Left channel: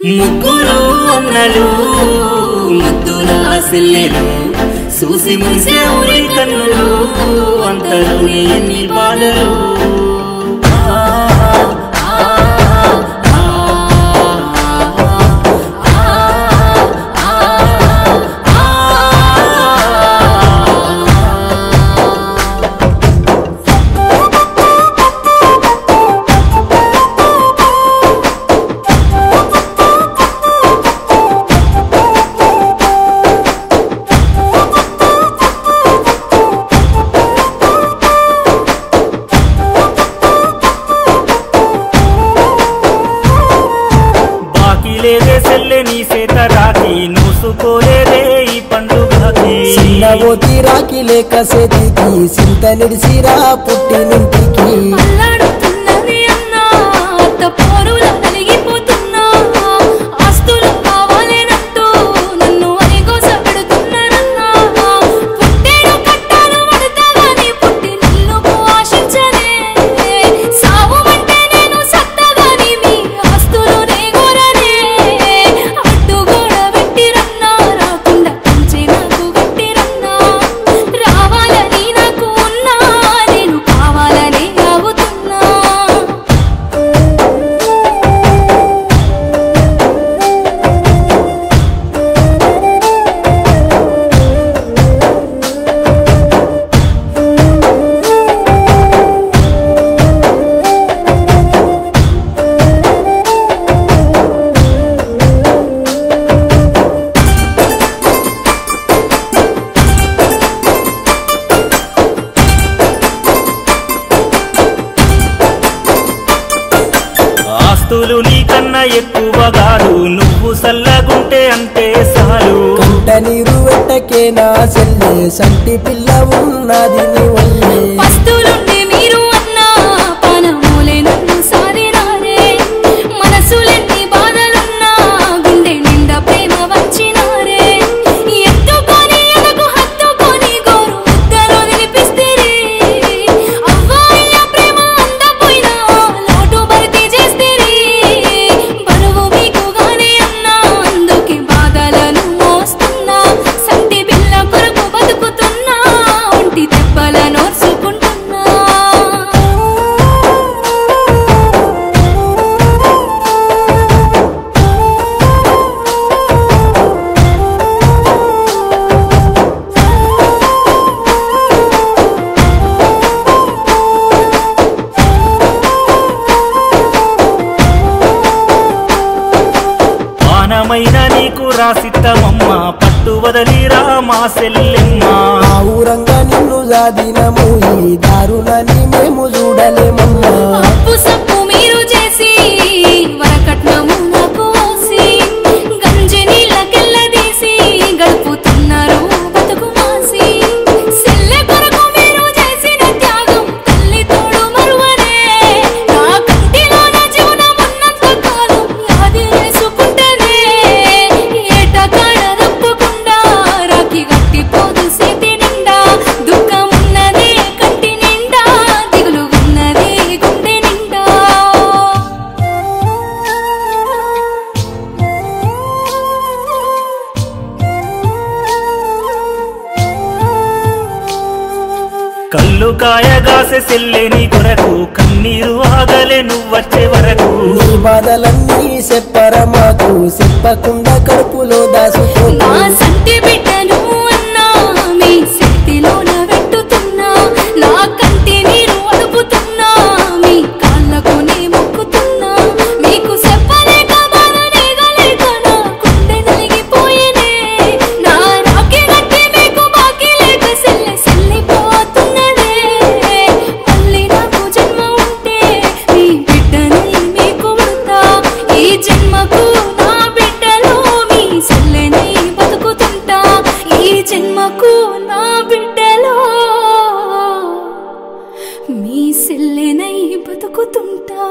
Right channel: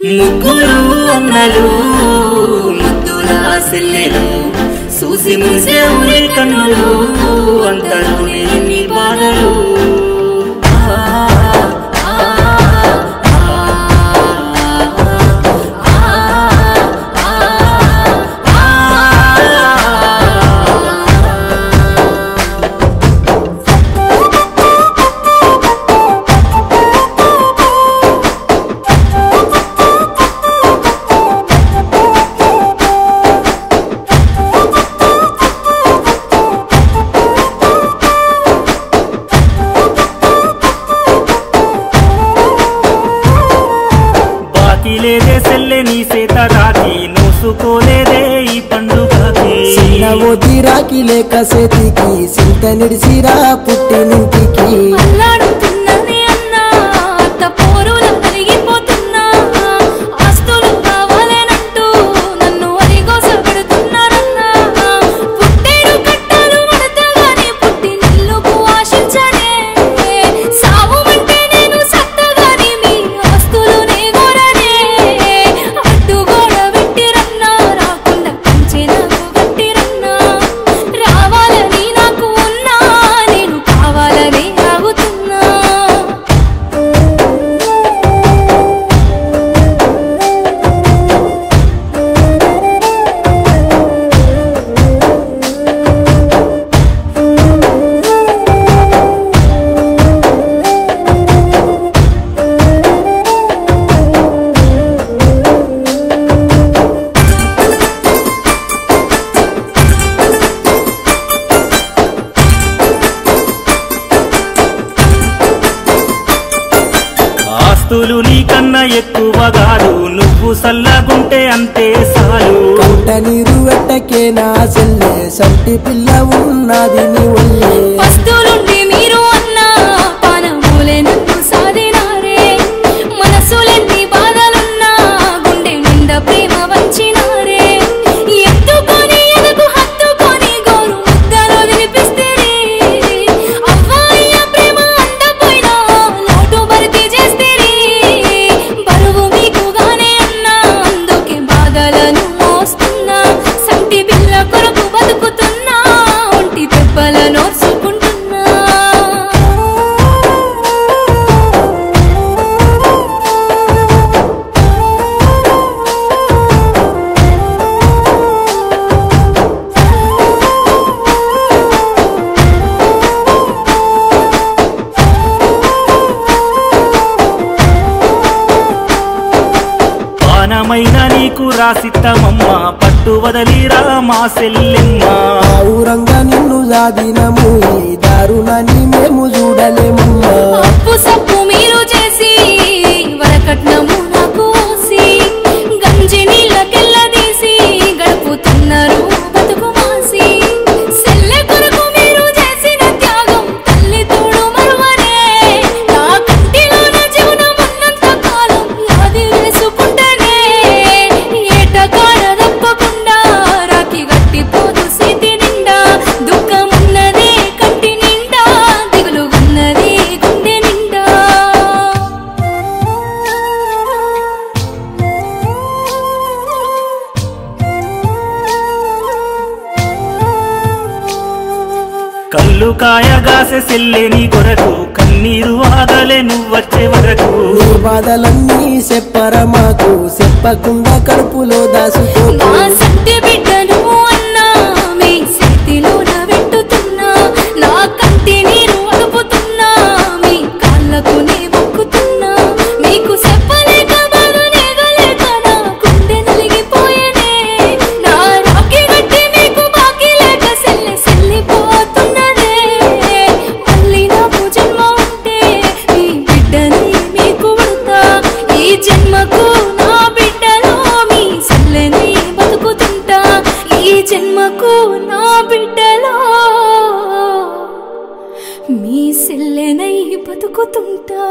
ముగ్గురు అన్నలు ముద్దుల సెల్లెలు చూసి మురిసే ఊరి కన్నులు అంతలోని ఎన్ని బాధలు లేదే సెల్లె నీ సేత రాకి నోసుకోలేదే ఈ పండుగకి చిన్నవోతి రాకి లేక సేతికి సింత నిడిసిరా పుట్టినింటికి అల్లాడుతున్నదే అన్నా అత్త పోరుల నలిగిపోతున్నా ఆస్తులు కావాలేనంటూ నన్ను అలిగోస పెడుతున్నారన్నా పుట్టేడు కట్టాలు పడతాగాని పుట్టి నిల్లుకు ఆశించనే సావుమంటే నేను సత్తగాని మీ ఆస్తులు ఆస్తులు నీకన్నా ఎక్కువ కాదు నువ్వు సల్లగుంటే అంతే సాలు కంట నీరు వెట్టకేనా సెల్లె సంటి పిల్ల ఉన్నది నీ వల్లే పస్తులుండి మీరు అన్నా పానమూలే నన్ను సాధినారే మనసులెన్ని బాధలున్నా గుండె నిండా ప్రేమ వంచినారే ఎత్తుకొని ఎనకు హత్తుకొని గోరు ముద్దలు వినిపిస్తేరే అవ్వాయ్య ప్రేమ అందపోయినా లోటు భర్తీ చేస్తేరే బరువు మీకుగానే అన్నా అందుకే బాధలను మోస్తున్నా సంటి బిల్ల కొరకు బతుకుతున్నా ఒంటి దెబ్బల నోర్చుకుంటున్నా పానమైన నీకు రాసిత్తమమ్మ పట్టు వదలిరా మా సెల్లెమ్మ ఊరంగా నిన్ను జాదినము ఈ దారుణాన్ని మేము చూడలేమమ్మా అప్పు సప్పు మీరు చేసి వరకట్నము నాకు ఓసి గంజి నీళ్ళకెళ్ళదీసి గడుపుతున్నారు బతుకు మాసి సెల్లె కొరకు మీరు చేసిన త్యాగం తల్లి తోడు మరువనే నా కంటిలోన జీవనం ఉన్నంత కాలం యాది చేసుకుంటేనే ఏటకాడ తప్పకుండా రాకి గట్టిపోదు సేతి నిండా దుఃఖమున్నదే కంటి నిండా దిగులు ఉన్నదే గుండె నిండా కళ్ళు కాయగాసె సెల్లెని కొరకు కన్నీరు ఆగలే నువ్వొచ్చే వరకు నీ బాధలన్నీ చెప్పరా మాకు చెప్పకుండా కడుపులో దాసుకో నా సంటి బిడ్డను అన్నా మీ చేతిలోన పెట్టుతున్నా నా కంటి నీరు అడుపుతున్నా మీ కాళ్ళకు నే మొక్కుతున్నా మీకు చెప్పలేక బాధనేగలేక నా గుండె నలిగిపోయేనే నా రాకి గట్టి మీకు బాకీ లేక సెల్లె సెల్లిపోతున్నదే మళ్ళీ నాకు జన్మ ఉంటే మీ బిడ్డని మీకు ఉడతా ఈ జన్మకు నా బిడ్డలో మీ సెల్లెని బతుకుతుంటా ఈ జన్మకు నా బిడ్డలో మీ సెల్లెనై బతుకుతుంటా